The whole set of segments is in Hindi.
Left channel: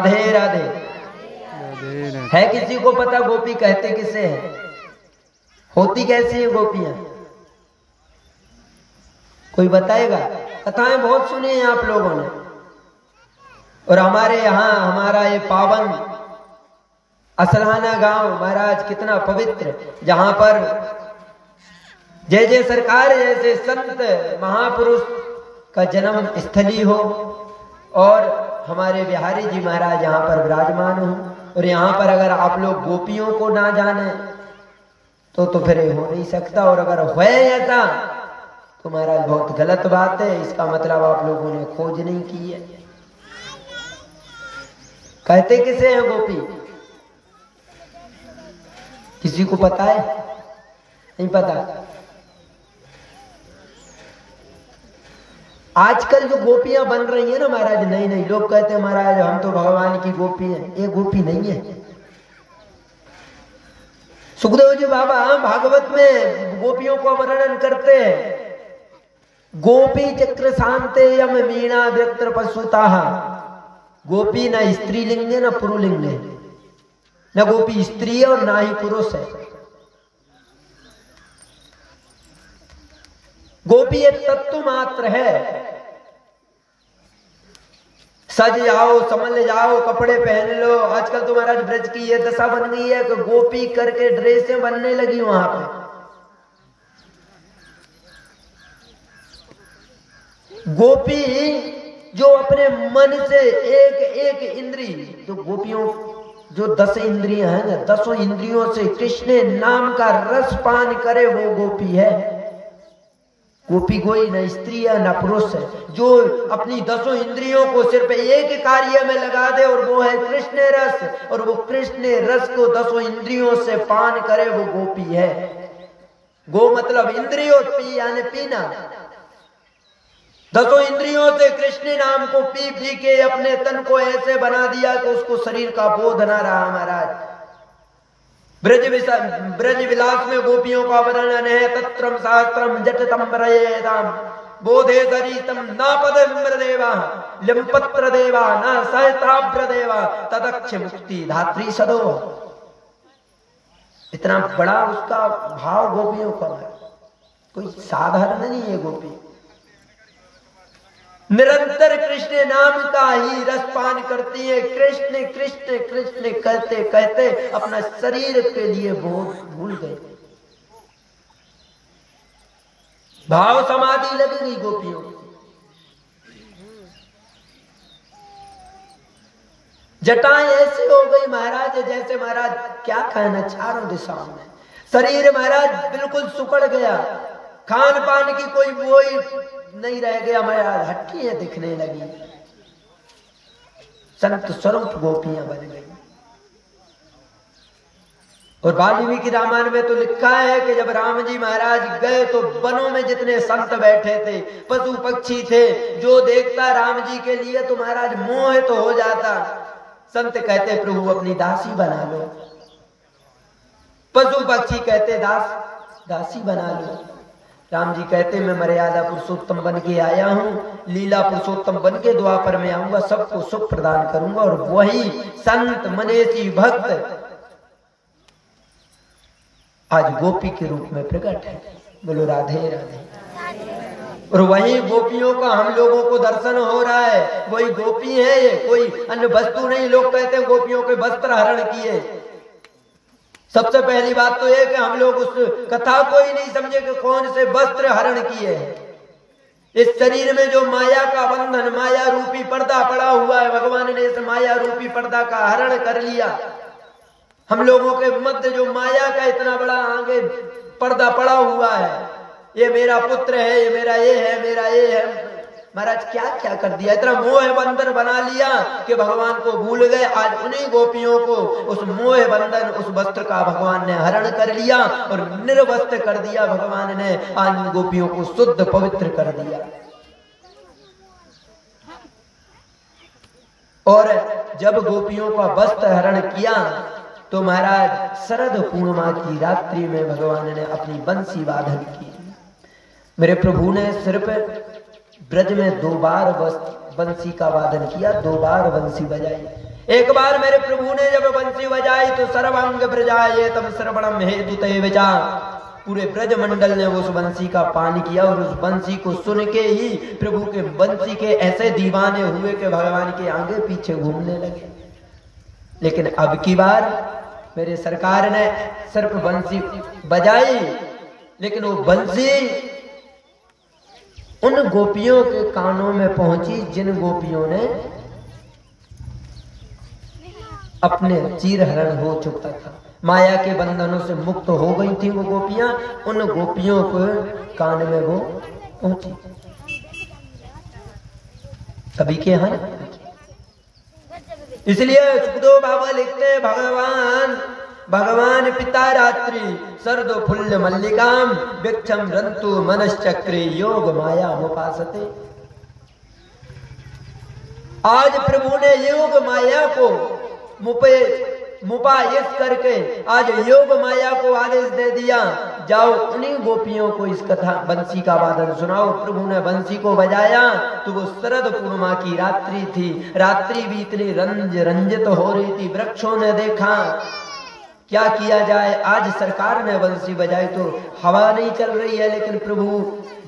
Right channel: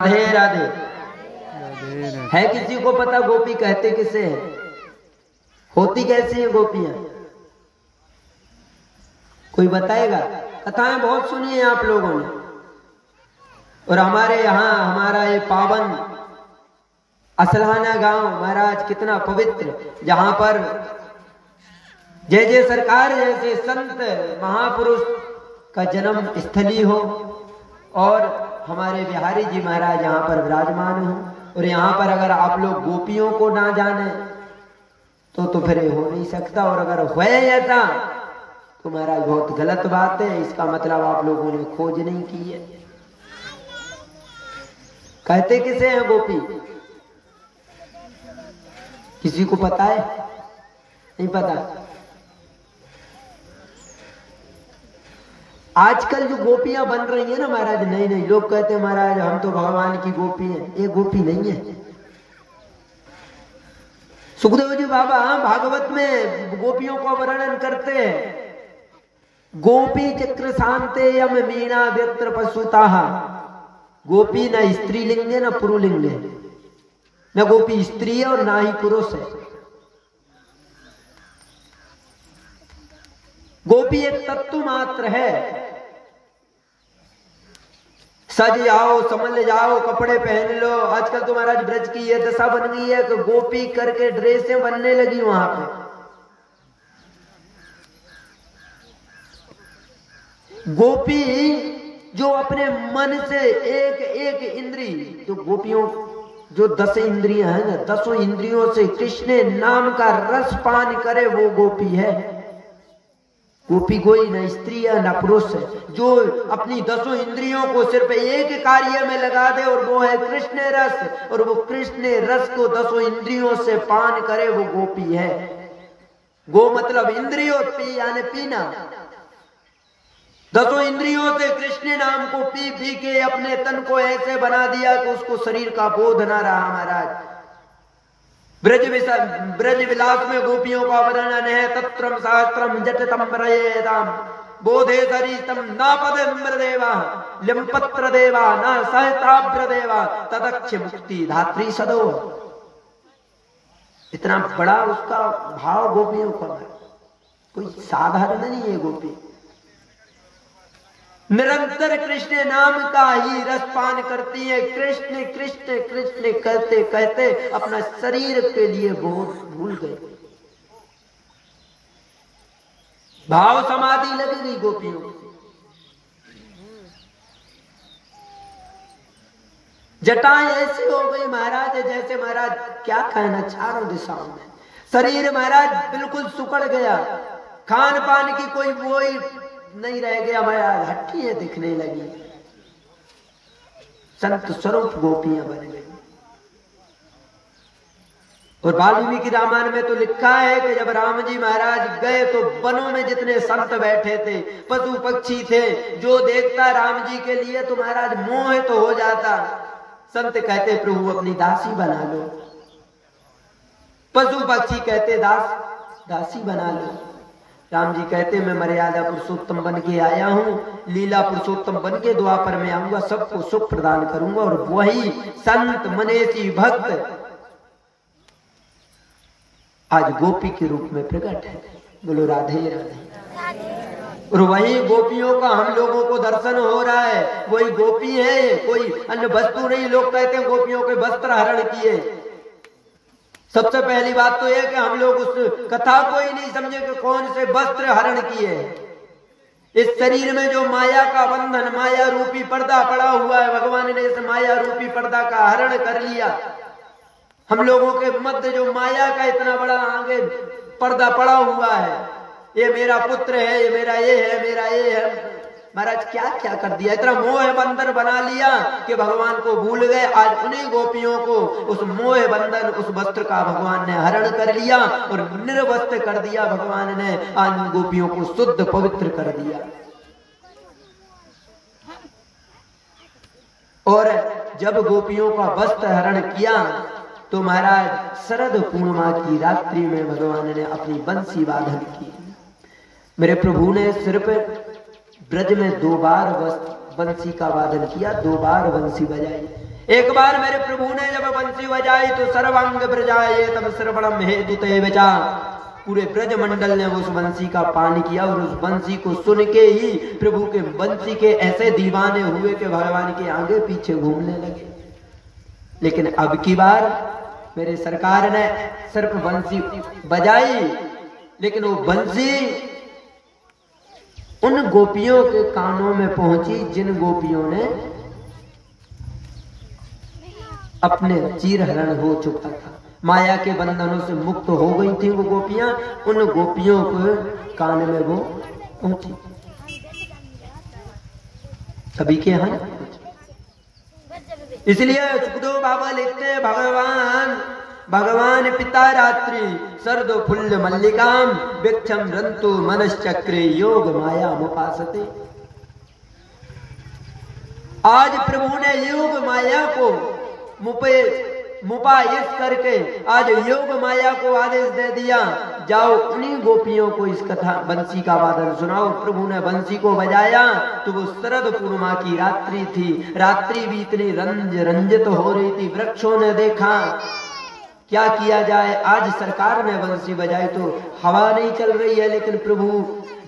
राधे राधे। है किसी को पता गोपी कहते किसे हैं? होती कैसी है गोपियां? कोई बताएगा? कथाएं बहुत सुनी हैं आप लोगों ने। और हमारे यहाँ हमारा ये पावन असलाना गांव महाराज कितना पवित्र, जहां पर जय जय सरकार जैसे संत महापुरुष का जन्म स्थली हो और हमारे बिहारी जी महाराज यहाँ पर विराजमान हो। और यहाँ पर अगर आप लोग गोपियों को ना जाने तो फिर हो नहीं सकता। और अगर हो जाता तो महाराज बहुत गलत बात है। इसका मतलब आप लोगों ने खोज नहीं की है। कहते किसे हैं गोपी? किसी को पता है? नहीं पता। आजकल जो गोपियां बन रही है ना महाराज, नहीं नहीं, लोग कहते हैं महाराज हम तो भगवान की गोपी हैं। ये गोपी नहीं है। सुखदेव जी बाबा भागवत में गोपियों का वर्णन करते हैं। गोपी चक्र शांते यम मीणा व्यक्त्र पशुता। गोपी न स्त्रीलिंग है न पुरुलिंग है, न गोपी स्त्री है और ना ही पुरुष है। गोपी एक तत्व मात्र है। सज जाओ, समझ जाओ, कपड़े पहन लो। आजकल तो महाराज ब्रज की ये दशा बन गई है कि गोपी करके ड्रेसें बनने लगी वहां पे। गोपी जो अपने मन से एक एक इंद्री, तो गोपियों जो 10 इंद्रियां हैं ना, 10 इंद्रियों से कृष्ण नाम का रस पान करे वो गोपी है। गोपी कोई न स्त्री है न पुरुष है। जो अपनी 10 इंद्रियों को सिर्फ एक कार्य में लगा दे और वो है कृष्ण रस, और वो कृष्ण रस को 10 इंद्रियों से पान करे वो गोपी है। गो मतलब इंद्रिय और पी यानी पीना। 10 इंद्रियों से कृष्ण नाम को पी पी के अपने तन को ऐसे बना दिया कि उसको शरीर का बोध ना रहा महाराज। ब्रज विलास में गोपियों का वर्णन है। तत्रम शास्त्रम जटतम प्रयेताम बोधे सरितम न पदम्रदेवा लिम्पत्र देवा न सहस्राभ्र देवा तदक्ष मुक्ति धात्री सदो। इतना बड़ा उसका भाव गोपियों का, कोई साधारण नहीं है गोपी। निरंतर कृष्ण नाम का ही रसपान करती है। कृष्ण कृष्ण कृष्ण कहते कहते अपना शरीर के लिए बहुत भूल गए। भाव समाधि लग गई गोपियों को। जटाएं ऐसी हो गई महाराज जैसे महाराज क्या कहना, चारों दिशाओं में शरीर महाराज बिल्कुल सुकड़ गया। खान पान की कोई वो नहीं रह गया महाराज, हट्टी दिखने लगी। संत स्वरूप गोपियां बन गई। और वाल्मीकि रामायण में तो लिखा है कि जब राम जी महाराज गए तो वनों में जितने संत बैठे थे, पशु पक्षी थे, जो देखता राम जी के लिए तो महाराज मोह तो हो जाता। संत कहते प्रभु अपनी दासी बना लो। पशु पक्षी कहते दासी बना लो। राम जी कहते मैं मर्यादा पुरुषोत्तम बन के आया हूं, लीला पुरुषोत्तम बन के द्वापर में आऊंगा, सबको सुख प्रदान करूंगा। और वही संत मनेसी भक्त आज गोपी के रूप में प्रकट है। बोलो राधे राधे। और वही गोपियों का हम लोगों को दर्शन हो रहा है। वही गोपी है, कोई अन्य वस्तु नहीं। लोग कहते हैं गोपियों के वस्त्र हरण किए। सबसे पहली बात तो यह कि हम लोग उस कथा को ही नहीं समझे कि कौन से वस्त्र हरण किए हैं। इस शरीर में जो माया का बंधन, माया रूपी पर्दा पड़ा हुआ है, भगवान ने इस माया रूपी पर्दा का हरण कर लिया। हम लोगों के मध्य जो माया का इतना बड़ा आगे पर्दा पड़ा हुआ है, ये मेरा पुत्र है, ये मेरा ये है, मेरा ये है। महाराज क्या क्या कर दिया, इतना मोह बंधन बना लिया कि भगवान को भूल गए। आज उन्हीं गोपियों को उस मोह बंधन, उस वस्त्र का भगवान ने हरण कर लिया और निर्वस्त्र कर दिया। भगवान ने आज गोपियों को शुद्ध पवित्र कर दिया। और जब गोपियों का वस्त्र हरण किया तो महाराज शरद पूर्णिमा की रात्रि में भगवान ने अपनी बंसी वादन की। मेरे प्रभु ने सिर्फ ब्रज में 2 बार बंसी का वादन किया, 2 बार बंसी बजाई। एक बार मेरे प्रभु ने जब बंसी बजाई तो सर्वांग प्रजाए तब श्रवणम हेतु ते विचा, पूरे ब्रज मंडल ने उस बंसी का पान किया और उस बंसी को सुन के ही प्रभु के बंसी के ऐसे दीवाने हुए कि भगवान के आगे पीछे घूमने लगे। लेकिन अब की बार मेरे सरकार ने सिर्फ बंसी बजाई, लेकिन वो बंसी उन गोपियों के कानों में पहुंची जिन गोपियों ने अपने चीरहरण हो चुका था, माया के बंधनों से मुक्त हो गई थी वो गोपियां, उन गोपियों को कान में वो पहुंची। सभी के हैं, इसलिए सुखदेव बाबा लिखते हैं भगवान पिता रात्रि सर्द फुल्ल मल्लिकाम वृक्षम रंतु मनश्चक्रे योग माया मुपासते। आज प्रभु ने योग माया को मुपायित करके आज योग माया को आदेश दे दिया, जाओ उन्हीं गोपियों को इस कथा बंसी का वादन सुनाओ। प्रभु ने बंसी को बजाया तो वो शरद पूर्णिमा की रात्रि थी, रात्रि भी इतनी रंजित हो रही थी। वृक्षों ने देखा क्या किया जाए, आज सरकार ने बंसी बजाई तो हवा नहीं चल रही है, लेकिन प्रभु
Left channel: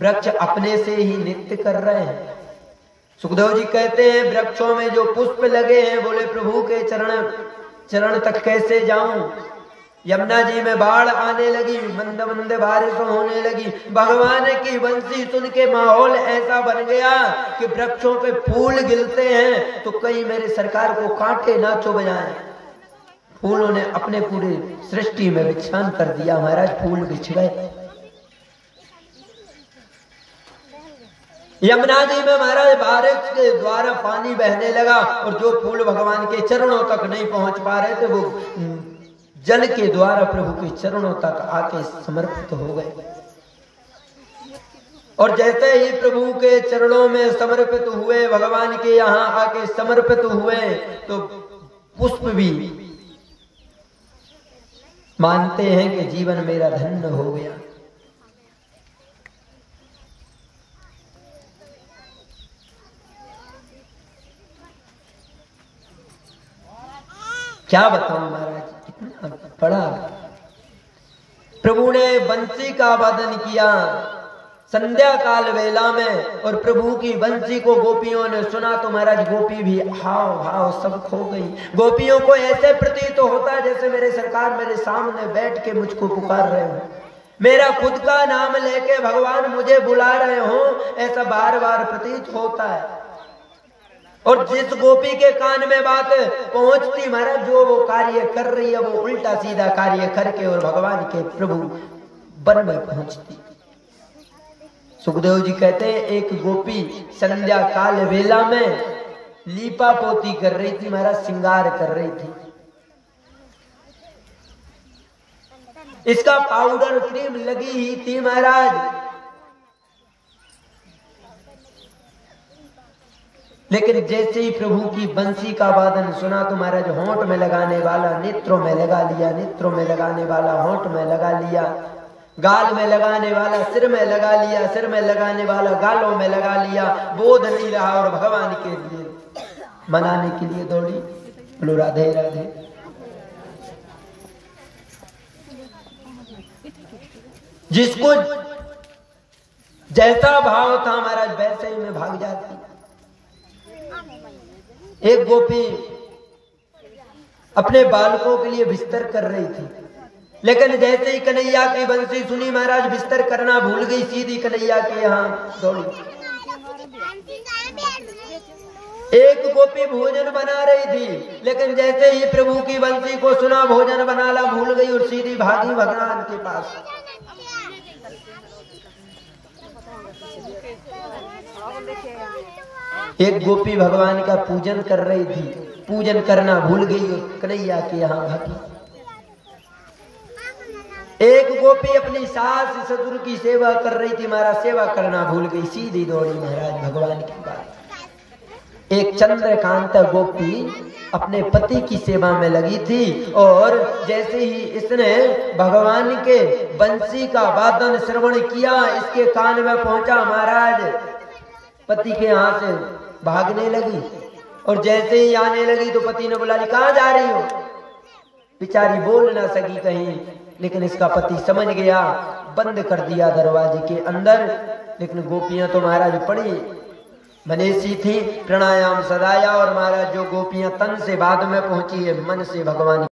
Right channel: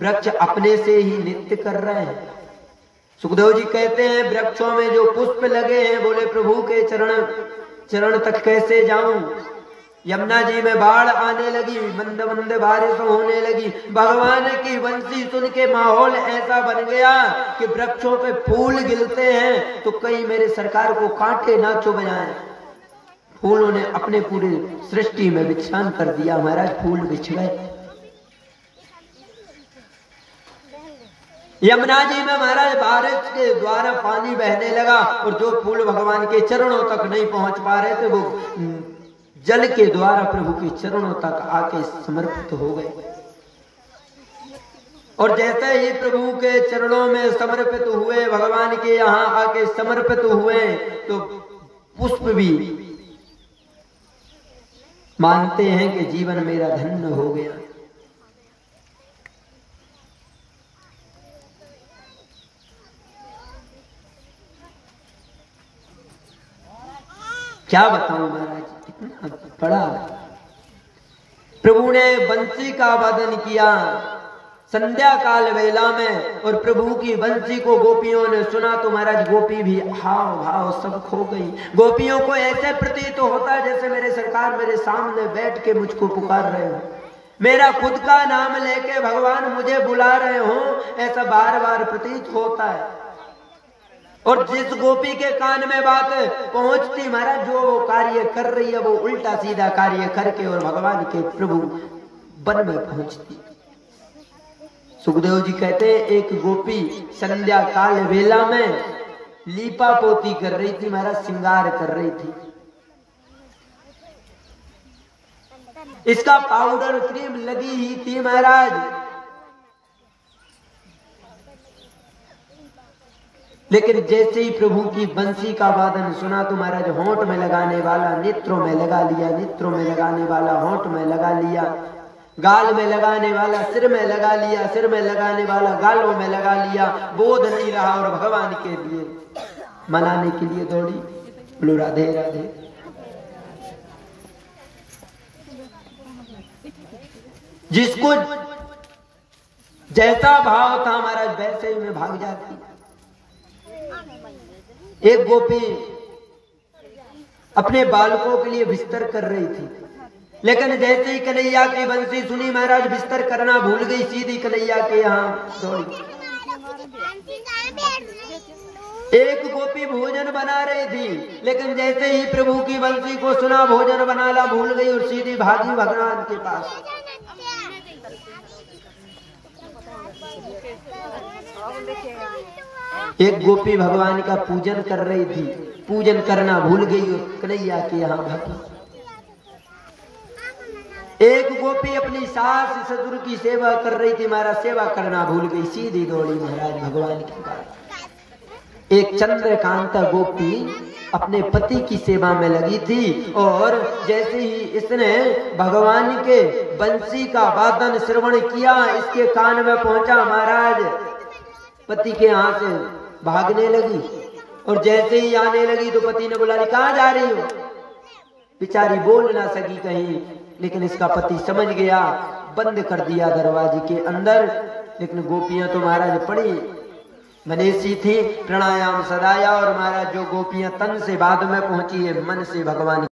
वृक्ष अपने से ही नृत्य कर रहे हैं। सुखदेव जी कहते हैं वृक्षों में जो पुष्प लगे हैं, बोले प्रभु के चरण तक कैसे जाऊं। यमुना जी में बाढ़ आने लगी, मंद मंद बारिश होने लगी, भगवान की बंसी सुन के माहौल ऐसा बन गया कि वृक्षों पे फूल गिरते हैं तो कहीं मेरे सरकार को कांटे ना चुभ जाएं। फूलों ने अपने पूरी सृष्टि में विच्छान कर दिया, महाराज फूल बिछ गए। यमुना जी में महाराज बारिश के द्वारा पानी बहने लगा और जो फूल भगवान के चरणों तक नहीं पहुंच पा रहे थे वो जल के द्वारा प्रभु के चरणों तक आके समर्पित हो गए। और जैसे ही प्रभु के चरणों में समर्पित हुए, भगवान के यहाँ आके समर्पित हुए, तो पुष्प भी मानते हैं कि जीवन मेरा धन्य हो गया। क्या बताऊं महाराज, इतना बड़ा प्रभु ने बंसी का वादन किया संध्या काल वेला में, और प्रभु की बंसी को गोपियों ने सुना तो महाराज गोपी भी हाव भाव सब खो गई। गोपियों को ऐसे प्रतीत होता जैसे मेरे सरकार मेरे सामने बैठ के मुझको पुकार रहे हो, मेरा खुद का नाम लेके भगवान मुझे बुला रहे हो, ऐसा बार बार प्रतीत होता है। और जिस गोपी के कान में बात पहुंचती महाराज, जो वो कार्य कर रही है वो उल्टा सीधा कार्य करके और भगवान के प्रभु वन में पहुंचती। सुखदेव जी कहते हैं एक गोपी संध्या काल वेला में लीपा पोती कर रही थी महाराज, श्रृंगार कर रही थी। इसका पाउडर क्रीम लगी ही थी महाराज, लेकिन जैसे ही प्रभु की बंसी का वादन सुना तो महाराज होंठ में लगाने वाला नेत्रों में लगा लिया, नेत्रों में लगाने वाला होंठ में लगा लिया, गाल में लगाने वाला सिर में लगा लिया, सिर में लगाने वाला गालों में लगा लिया। बोध नहीं रहा और भगवान के लिए मनाने के लिए दौड़ी। बोलो राधे राधे। जिसको जैसा भाव था महाराज वैसे ही में भाग जाती। एक गोपी अपने बालकों के लिए बिस्तर कर रही थी, लेकिन जैसे ही कन्हैया की बंसी सुनी महाराज बिस्तर करना भूल गई, सीधी कन्हैया के यहाँ दौड़ी। एक गोपी भोजन बना रही थी, लेकिन जैसे ही प्रभु की बंसी को सुना भोजन बनाना भूल गई और सीधी भागी भगवान के पास। एक गोपी भगवान का पूजन कर रही थी, पूजन करना भूल गई, कन्हैया के यहाँ भागी। एक गोपी अपनी सास ससुर की सेवा कर रही थी महाराज, सेवा करना भूल गई, सीधी दौड़ी महाराज भगवान के पास। एक चंद्रकांता गोपी अपने पति की सेवा में लगी थी, और जैसे ही इसने भगवान के बंसी का वादन श्रवण किया, इसके कान में पहुंचा महाराज, पति के हाथ से भागने लगी। और जैसे ही आने लगी तो पति ने बोला, कहाँ जा रही हो? बेचारी बोल ना सकी कहीं, लेकिन इसका पति समझ गया, बंद कर दिया दरवाजे के अंदर। लेकिन गोपियां तो महाराज पड़ी मनीषी थी, प्राणायाम सदाया। और महाराज जो गोपियां तन से बाद में पहुंची है, मन से भगवान